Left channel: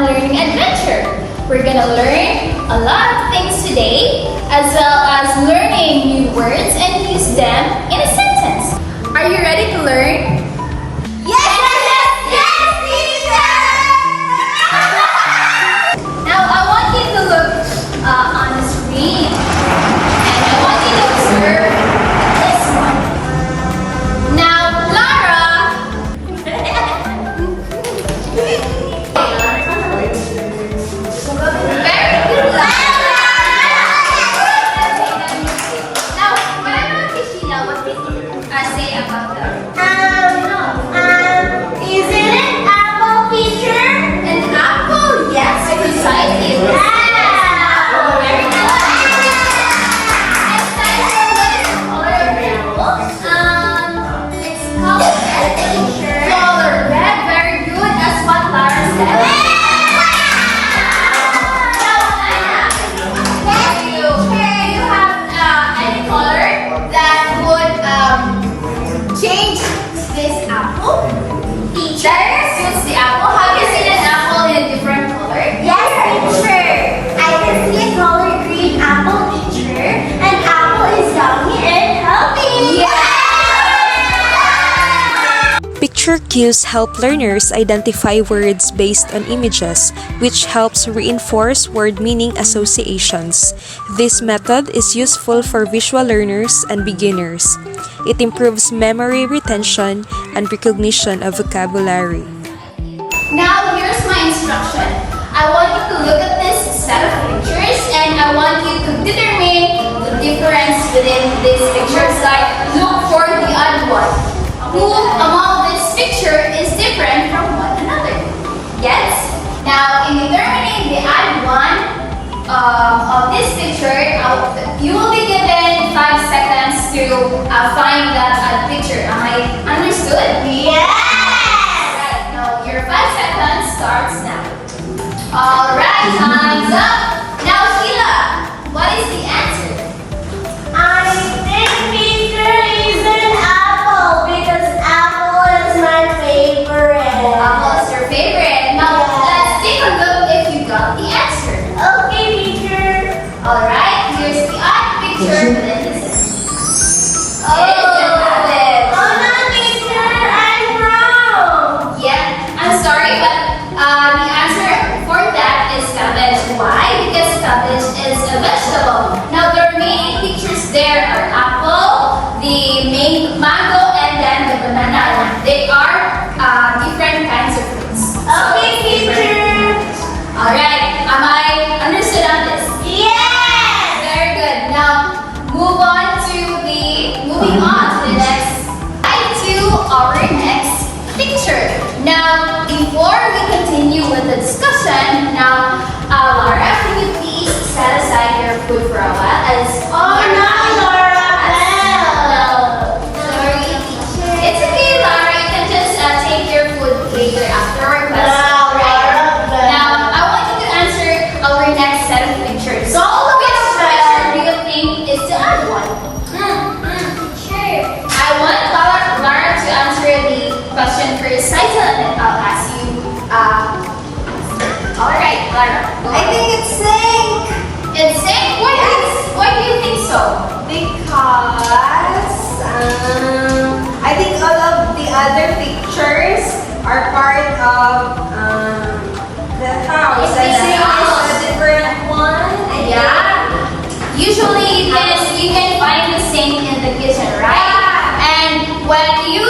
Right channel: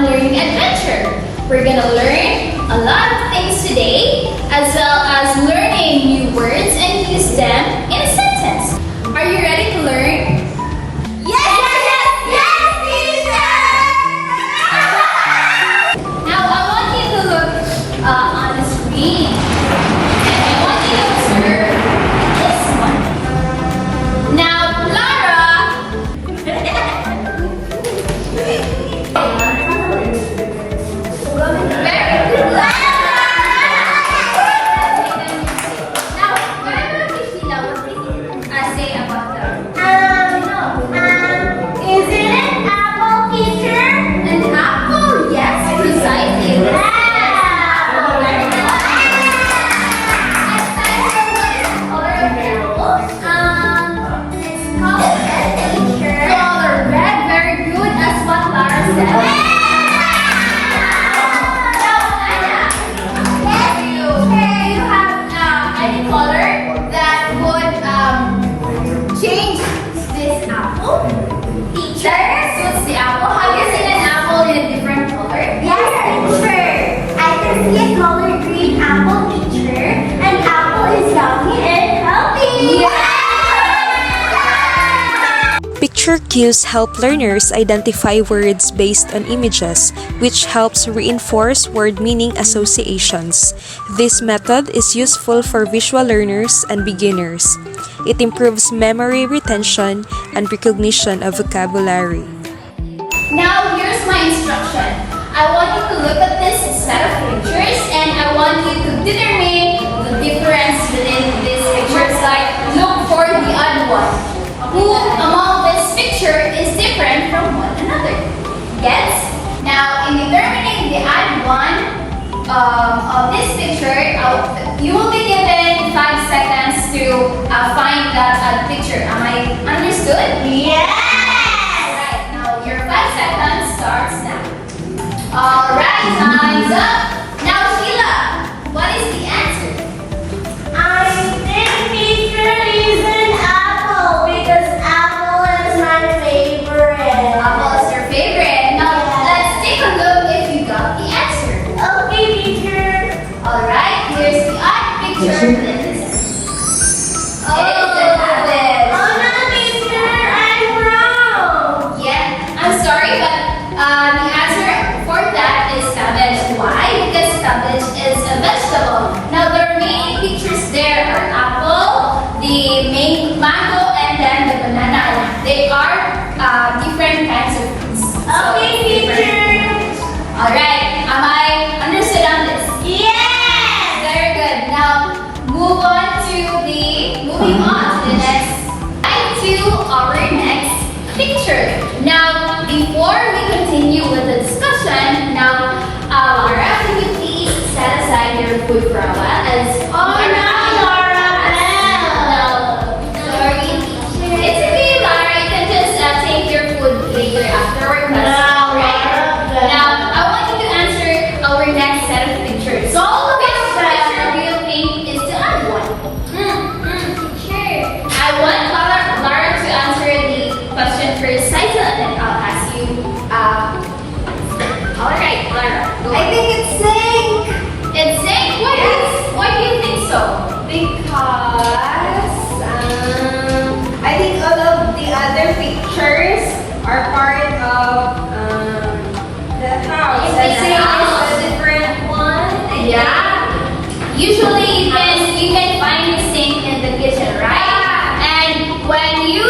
fun learning adventure. We're gonna learn a lot of things today, as well as learning new words and use them in a sentence. Are you ready to learn? Now, I want you to look on the screen. And I want you to observe this one. Now, Lara. Very good, Lara. Now, what about Christina? What did you say about them? Is it an apple, teacher? An apple? Yes, precisely. Very good. Next time, what is the color of the apple? It's called red, teacher. Color red, very good. That's what Lara said. Now, Anna, do you have any color that would change this apple? Teacher? That suits the apple. Have you seen an apple in a different color? Yes, teacher. I can see a color green apple, teacher. An apple is yummy and healthy. Picture cues help learners identify words based on images, which helps reinforce word meaning associations. This method is useful for visual learners and beginners. It improves memory retention and recognition of vocabulary. Now, here's my instruction. I want you to look at this set of pictures and I want you to determine the difference within these pictures. Like, look for the odd one. Who among this picture is different from one another? Yes? Now, in determining the odd one of this picture, you will be given 5 seconds to find that odd picture. Am I understood? Yes. Alright, now your 5 seconds starts now. Alright, time's up. Now, Sheila, what is the answer? I think teacher is an apple because apple is my favorite. Apple is your favorite. Now, let's take a look if you got the answer. Okay, teacher. Alright, here's the odd picture within the sentence. It's a rabbit. Oh no, teacher, I'm wrong. Yeah, I'm sorry, but the answer for that is cabbage. Why? Because cabbage is a vegetable. Now, the remaining pictures there are apple, the mango, and then the banana. They are different kinds of fruits. Okay, teacher. Alright, am I understood on this? Yes. Very good. Now, moving on to the next, to our next picture. Now, before we continue with the discussion, now, Laura, can you please set aside your food for a while? Oh no, Laura. Sorry. It's okay, Laura. You can just take your food later afterward. No, Alright. Laura. Now, I want you to answer our next set of pictures. So, which picture do you think is the odd one? Sure. I want Lara to answer the question first, Nigel, and then I'll ask you. Alright, Lara. I think it's sink. It's saying, why do you think so? Because I think all of the other pictures are part of the house. It's The the same house. is a different one. Yeah. Usually you can find the sink in the kitchen, right? And when you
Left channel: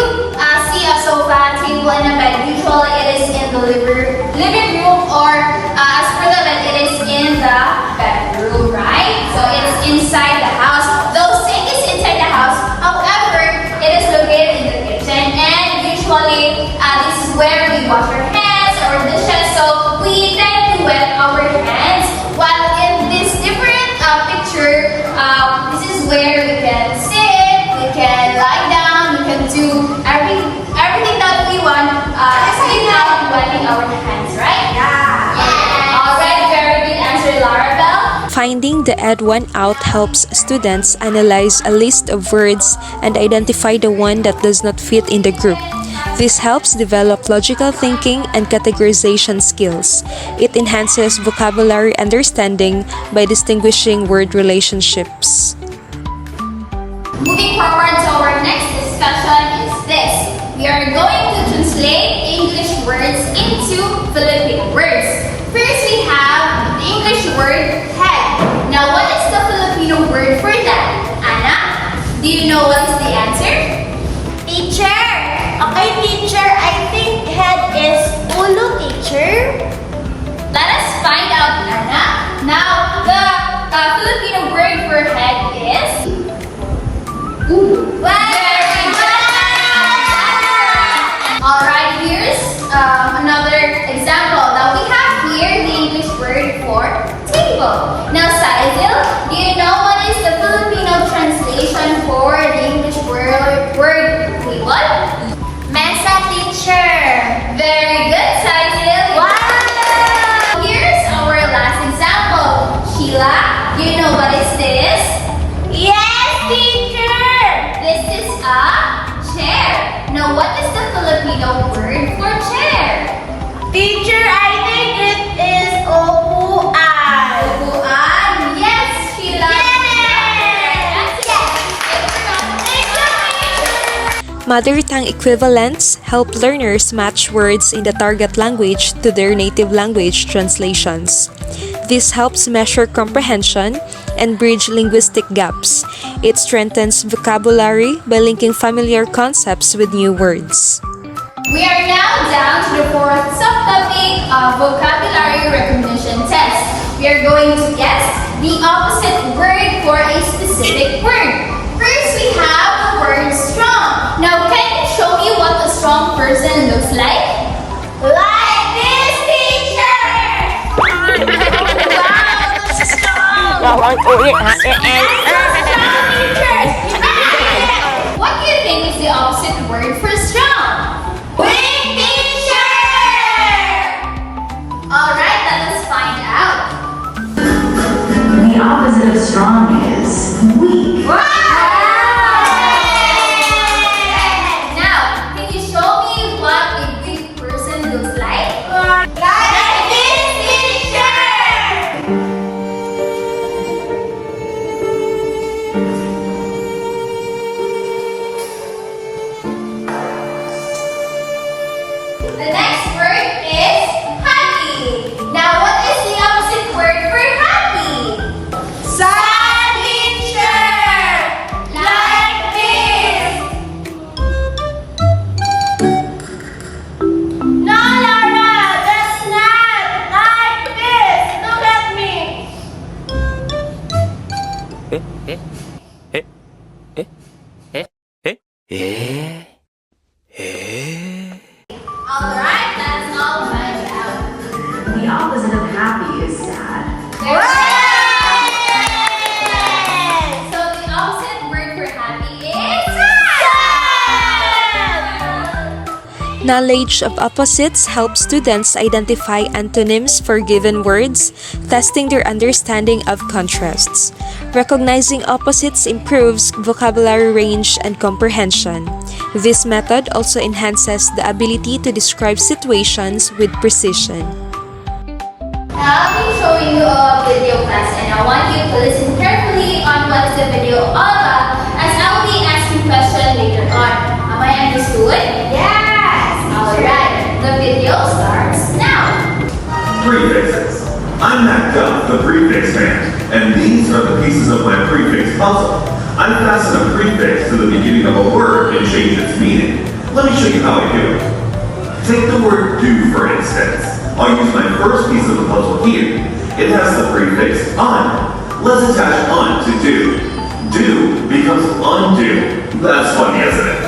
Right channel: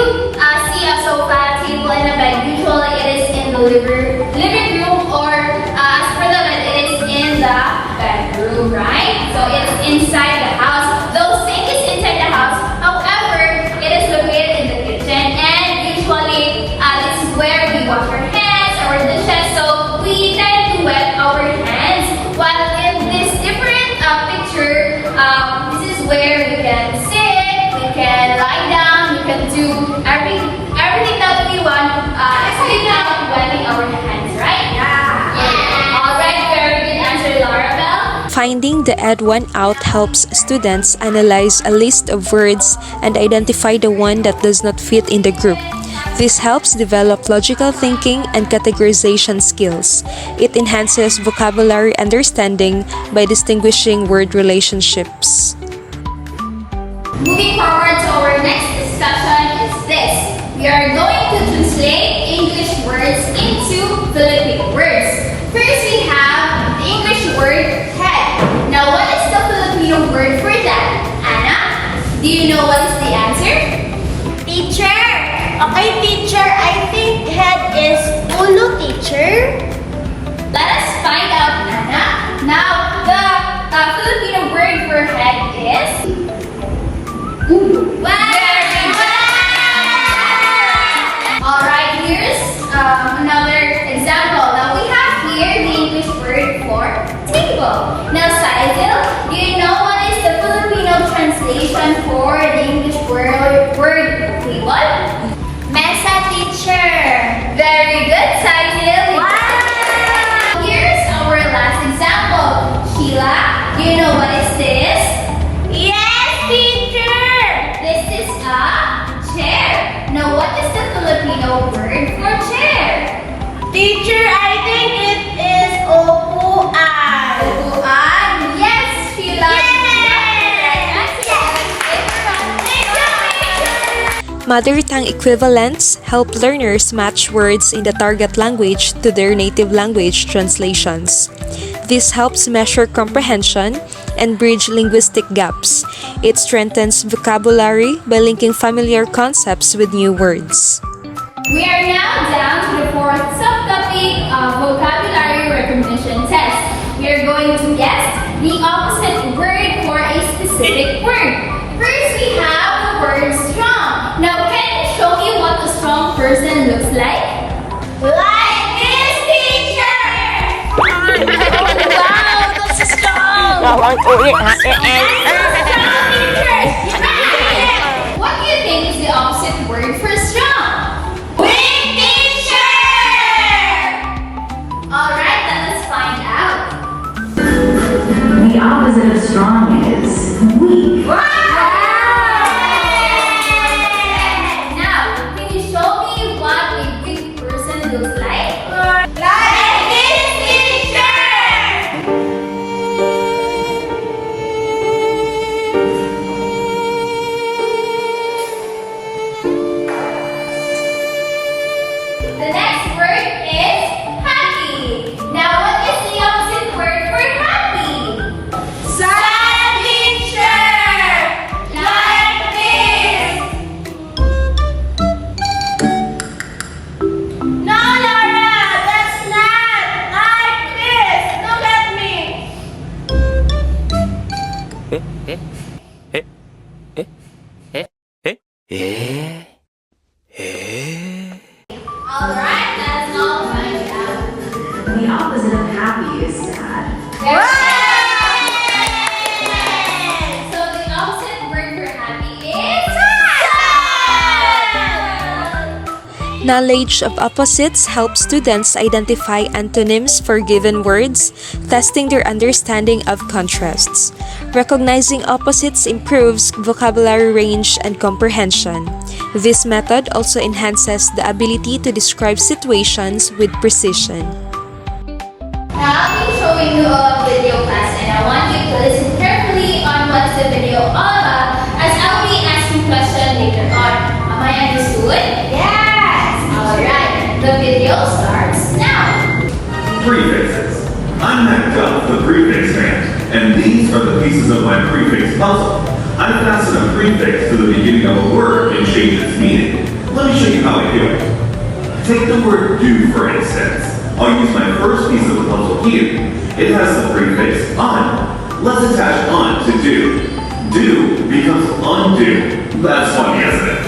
see a sofa, table, and a bed, usually it is in the living room, or as per the bed, it is in the bedroom, right? So it's inside the house. Though sink is inside the house, however, it is located in the kitchen, and usually this is where we wash our hands, our dishes, so we tend to wet our hands. While in this different picture, this is where we can sit, we can lie down, we can do everything that we want, without wetting our hands, right? Yeah. Alright, very good answer, Lara Bell. Finding the odd one out helps students analyze a list of words and identify the one that does not fit in the group. This helps develop logical thinking and categorization skills. It enhances vocabulary understanding by distinguishing word relationships. Moving forward to our next discussion is this. We are going to translate English words into Filipino words. First, we have the English word head. Now, what is the Filipino word for that? Anna, do you know what is the answer? Teacher. Okay, teacher. I think head is ulo, teacher. Let us find out, Anna. Now, the Filipino word for head is ulo. Very good! Alright, here's another example. Now, we have here the English word for table. Now, Saizil, do you know what is the Filipino translation for the English word table? Mesa, teacher. Very good, Saizil. Wow! Here's our last example. Sheila, do you know what is this? Yes, teacher. This is a chair. Now, what is the Filipino word for chair? Teacher, I think it is upuan. Upuan. Yes, Sheila. Yes! Thank you, teacher. Mother tongue equivalents help learners match words in the target language to their native language translations. This helps measure comprehension and bridge linguistic gaps. It strengthens vocabulary by linking familiar concepts with new words. We are now down to the fourth subtopic of vocabulary recognition test. We are going to guess the opposite word for a specific word. First, we have the word strong. Now, can you show me what a strong person looks like? Like this, teacher. Wow, this is strong. What do you think is the opposite word for strong? Weak, teacher. Alright, let us find out. The opposite of strong is weak. Now, can you show me what a weak person looks like? Like this, teacher. The next word is happy. Now, what is the opposite word for happy? Sad, teacher. Like this. No, Laura, that's not like this. Look at me. Alright, let us all find out. The opposite of happy is sad. So, the opposite word for happy is sad. Knowledge of opposites helps students identify antonyms for given words, testing their understanding of contrasts. Recognizing opposites improves vocabulary range and comprehension. This method also enhances the ability to describe situations with precision. Now, I'll be showing you a video class and I want you to listen carefully on what the video all about as I'll be asking questions later on. Am I understood? Yes. Alright, the video starts now. Prefixes. I'm Matt Duff, the prefix fan, and these are the pieces of my prefix puzzle. I fasten a prefix to the beginning of a word and change its meaning. Let me show you how I do it. Take the word do, for instance. I'll use my first piece of the puzzle here. It has the prefix un. Let's attach un to do. Do becomes undo. That's funny, isn't it?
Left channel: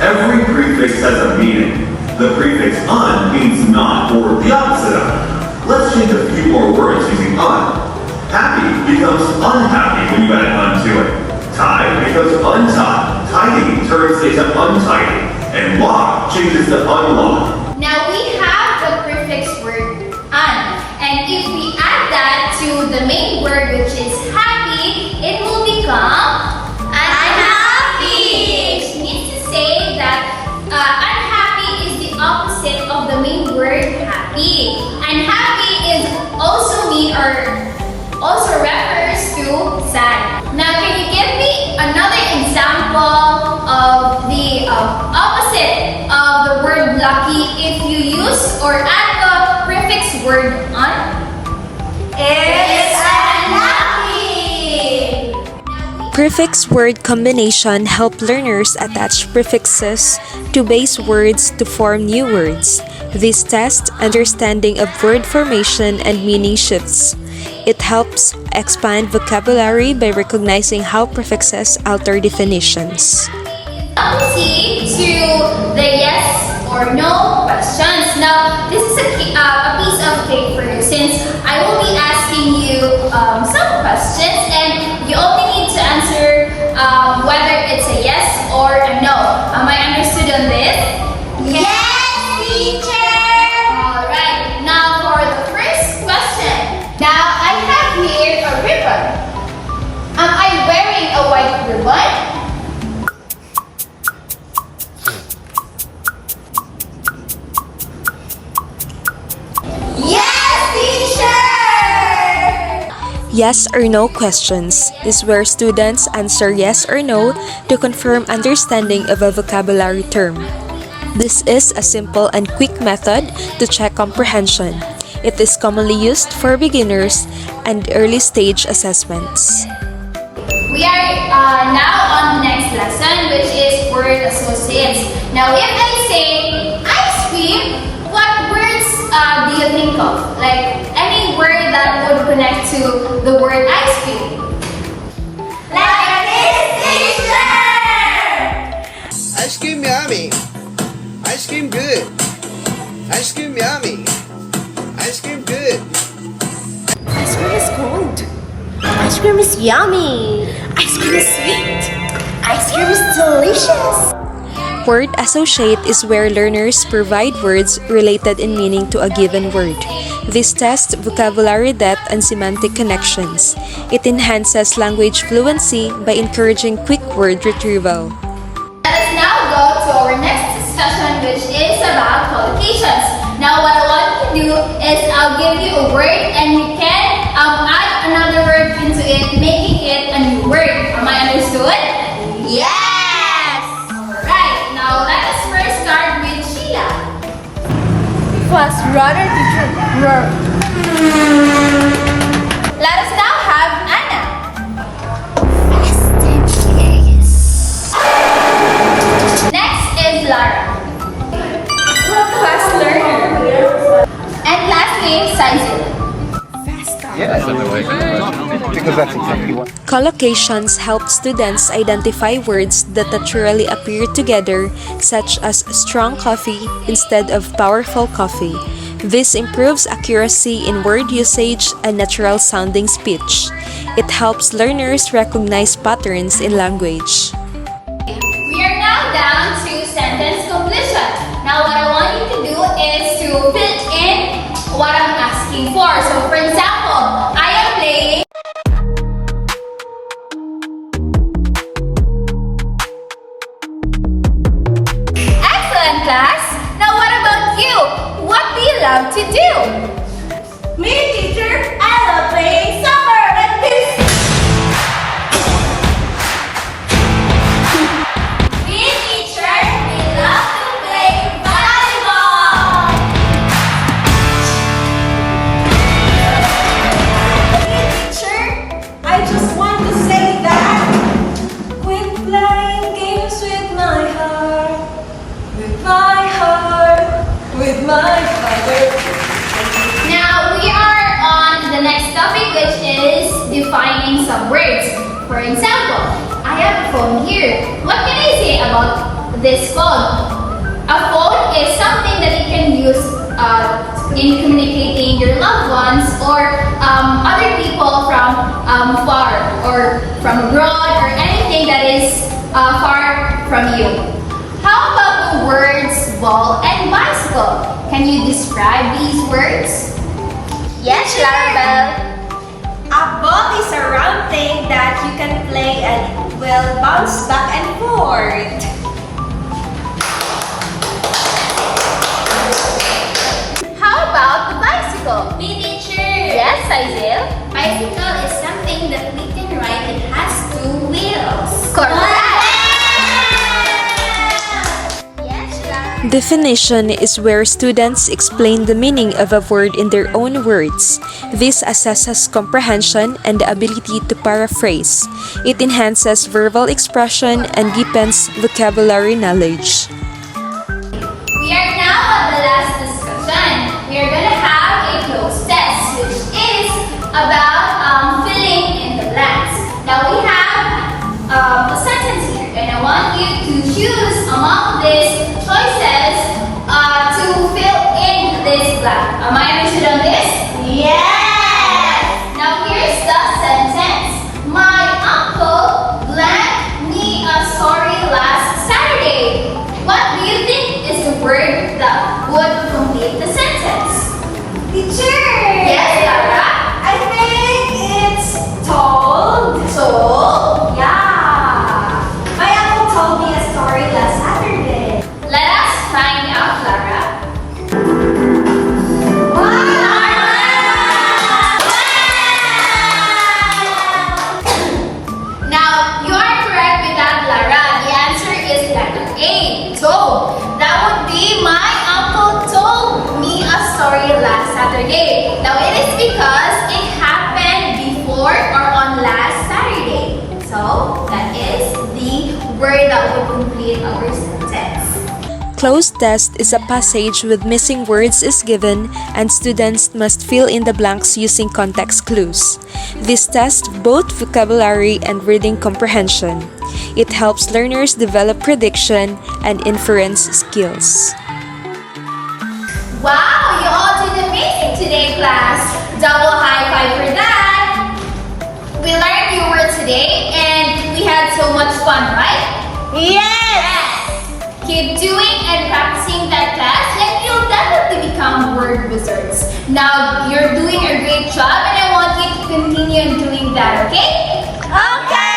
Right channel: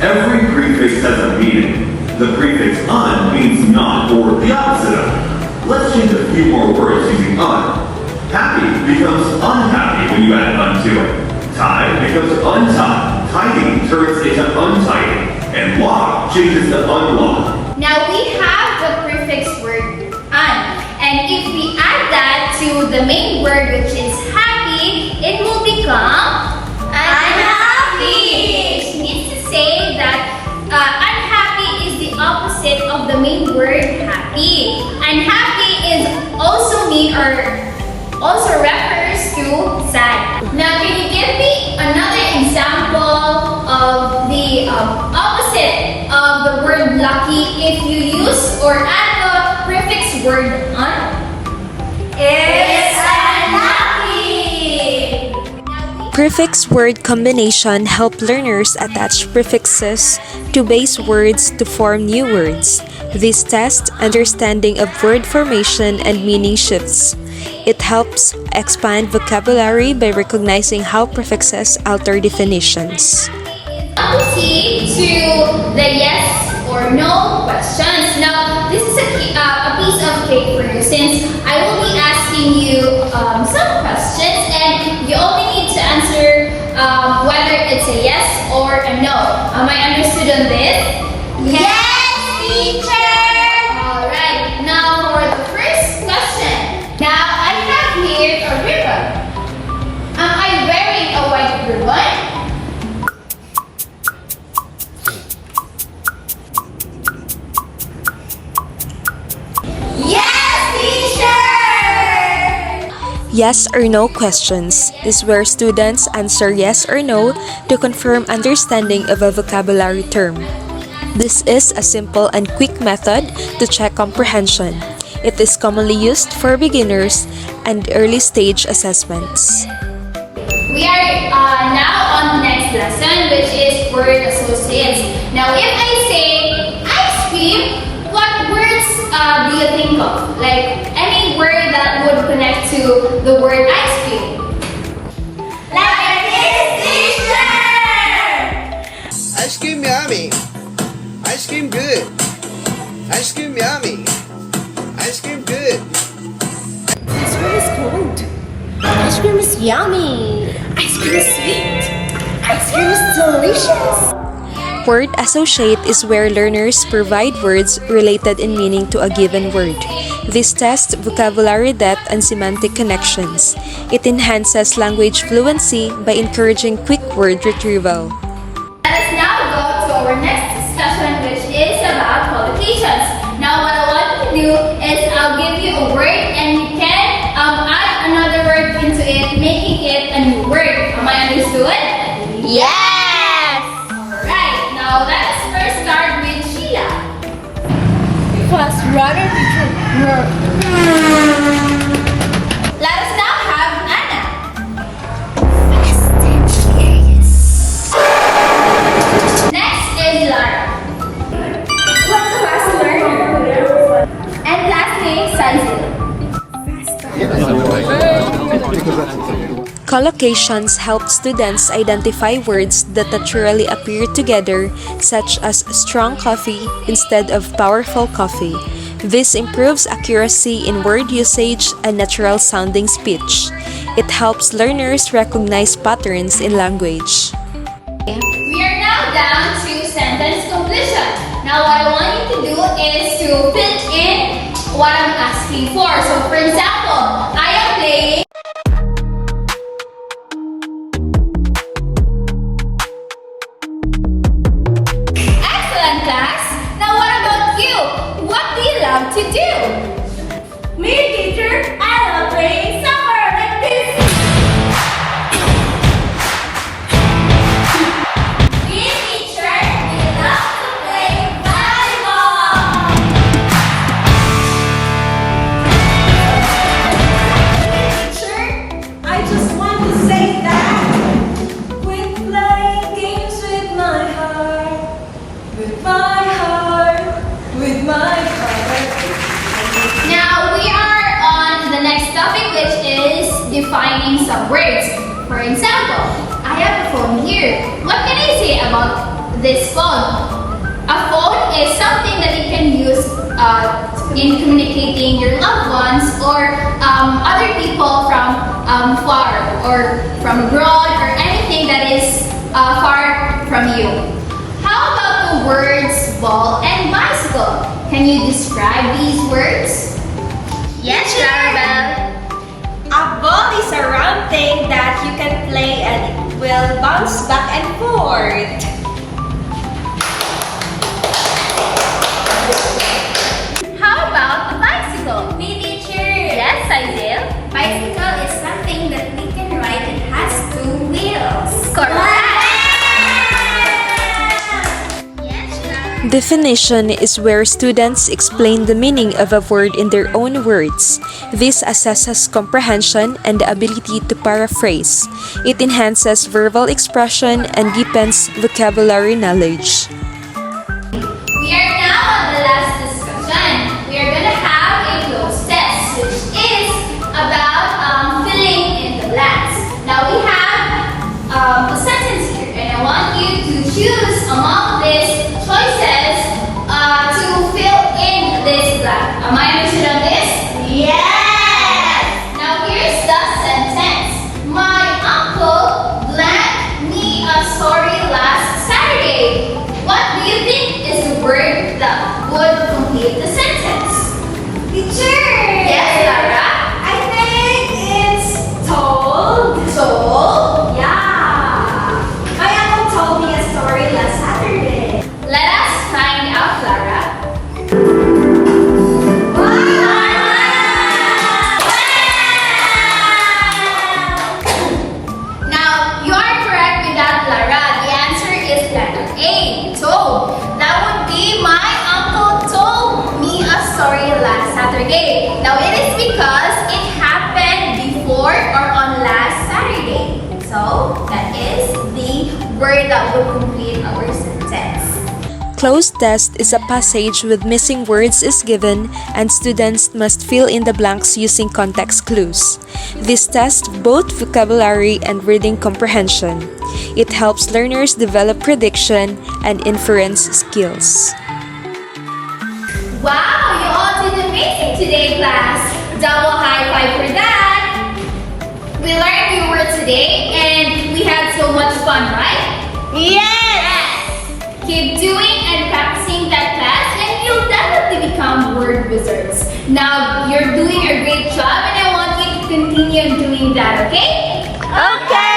Every prefix has a meaning. The prefix un means not or the opposite of. Let's change a few more words using un. Happy becomes unhappy when you add un to it. Tie becomes untied. Tidy turns into untidy. And lock changes to unlock. Now we have the prefix word un. And if we add that to the main word which is happy, it will become unhappy. Which means to say that unhappy happy. And happy is also mean or also refers to sad. Now, can you give me another example of the opposite of the word lucky if you use or add the prefix word un? It's unlucky. Prefix word combination help learners attach prefixes to base words to form new words. This test understanding of word formation and meaning shifts. It helps expand vocabulary by recognizing how prefixes alter definitions. Proceed to the yes or no questions. Now, this is a piece of cake for you since I will be asking you some questions and you only need to answer whether it's a yes or a no. Am I understood on this? Yes, teacher. Alright, now for the first question. Now, I have here a ribbon. Am I wearing a white ribbon? Yes or no questions is where students answer yes or no to confirm understanding of a vocabulary term. This is a simple and quick method to check comprehension. It is commonly used for beginners and early stage assessments. We are now on the next lesson, which is word associates. Now, if I say ice cream, what words do you think of? Like any word that would connect to the word ice cream? Like this, teacher. Ice cream yummy. Ice cream good. Ice cream yummy. Ice cream good. Ice cream is cold. Ice cream is yummy. Ice cream is sweet. Ice cream is delicious. Word associate is where learners provide words related in meaning to a given word. This tests vocabulary depth and semantic connections. It enhances language fluency by encouraging quick word retrieval. Let us now go to our next discussion, which is about collocations. Now, what I want to do is I'll give you a word and you can add another word into it, making it a new word. Am I understood? Yes. Alright, now let us first start with Sheila. Fast runner teacher. Let us now have Anna. Next is Lara. Fast learner. And lastly, Sanzil. Collocations help students identify words that naturally appear together, such as strong coffee instead of powerful coffee. This improves accuracy in word usage and natural sounding speech. It helps learners recognize patterns in language. We are now down to sentence completion. Now what I want you to do is to fill in what I'm asking for. So for example, I am playing. Excellent, class. Now what about you? What do you love to do? Me, teacher. I love playing soccer like this. Me, teacher. We love to play volleyball. Teacher, I just want to say that quit playing games with my heart, with my heart, with my heart. Now we are on the next topic, which is defining some words. For example, I have a phone here. What can I say about this phone? A phone is something that you can use in communicating your loved ones or other people from far or from abroad or anything that is far from you. How about the words ball and bicycle? Can you describe these words? Yes, Clarabelle. A ball is a round thing that you can play and it will bounce back and forth. How about Isaiah. Bicycle is something that we can ride that has two wheels. Correct. Yes, Clara. Definition is where students explain the meaning of a word in their own words. This assesses comprehension and the ability to paraphrase. It enhances verbal expression and deepens vocabulary knowledge. We are now at the last discussion. We are going to have a closed test, which is about filling in the blanks. Now we have a sentence here, and I want you to choose among these choices to fill in this blank. Am I understood on this? Yes! Now here's the sentence. My uncle lent me a story last Saturday. What do you think is the word that would complete the sentence? Teacher! Yes, Lara? I think it's told. So, Yeah. My uncle told me a story last Saturday. let us find out, Lara. Now, you are correct with that, Lara. The answer is letter A, told. That would be my uncle told me a story last Saturday. Now, it is because it happened before or on last Saturday. So, that is the word that would complete our sentence. Closed test is a passage with missing words is given and students must fill in the blanks using context clues. This tests both vocabulary and reading comprehension. It helps learners develop prediction and inference skills. Wow, you all did amazing today, class. Double high five for that. We learned new words today and we had so much fun, right? Yes! Keep doing and practicing that class and you'll definitely become word wizards. Now, you're doing a great job and I want you to continue doing that, okay? Okay!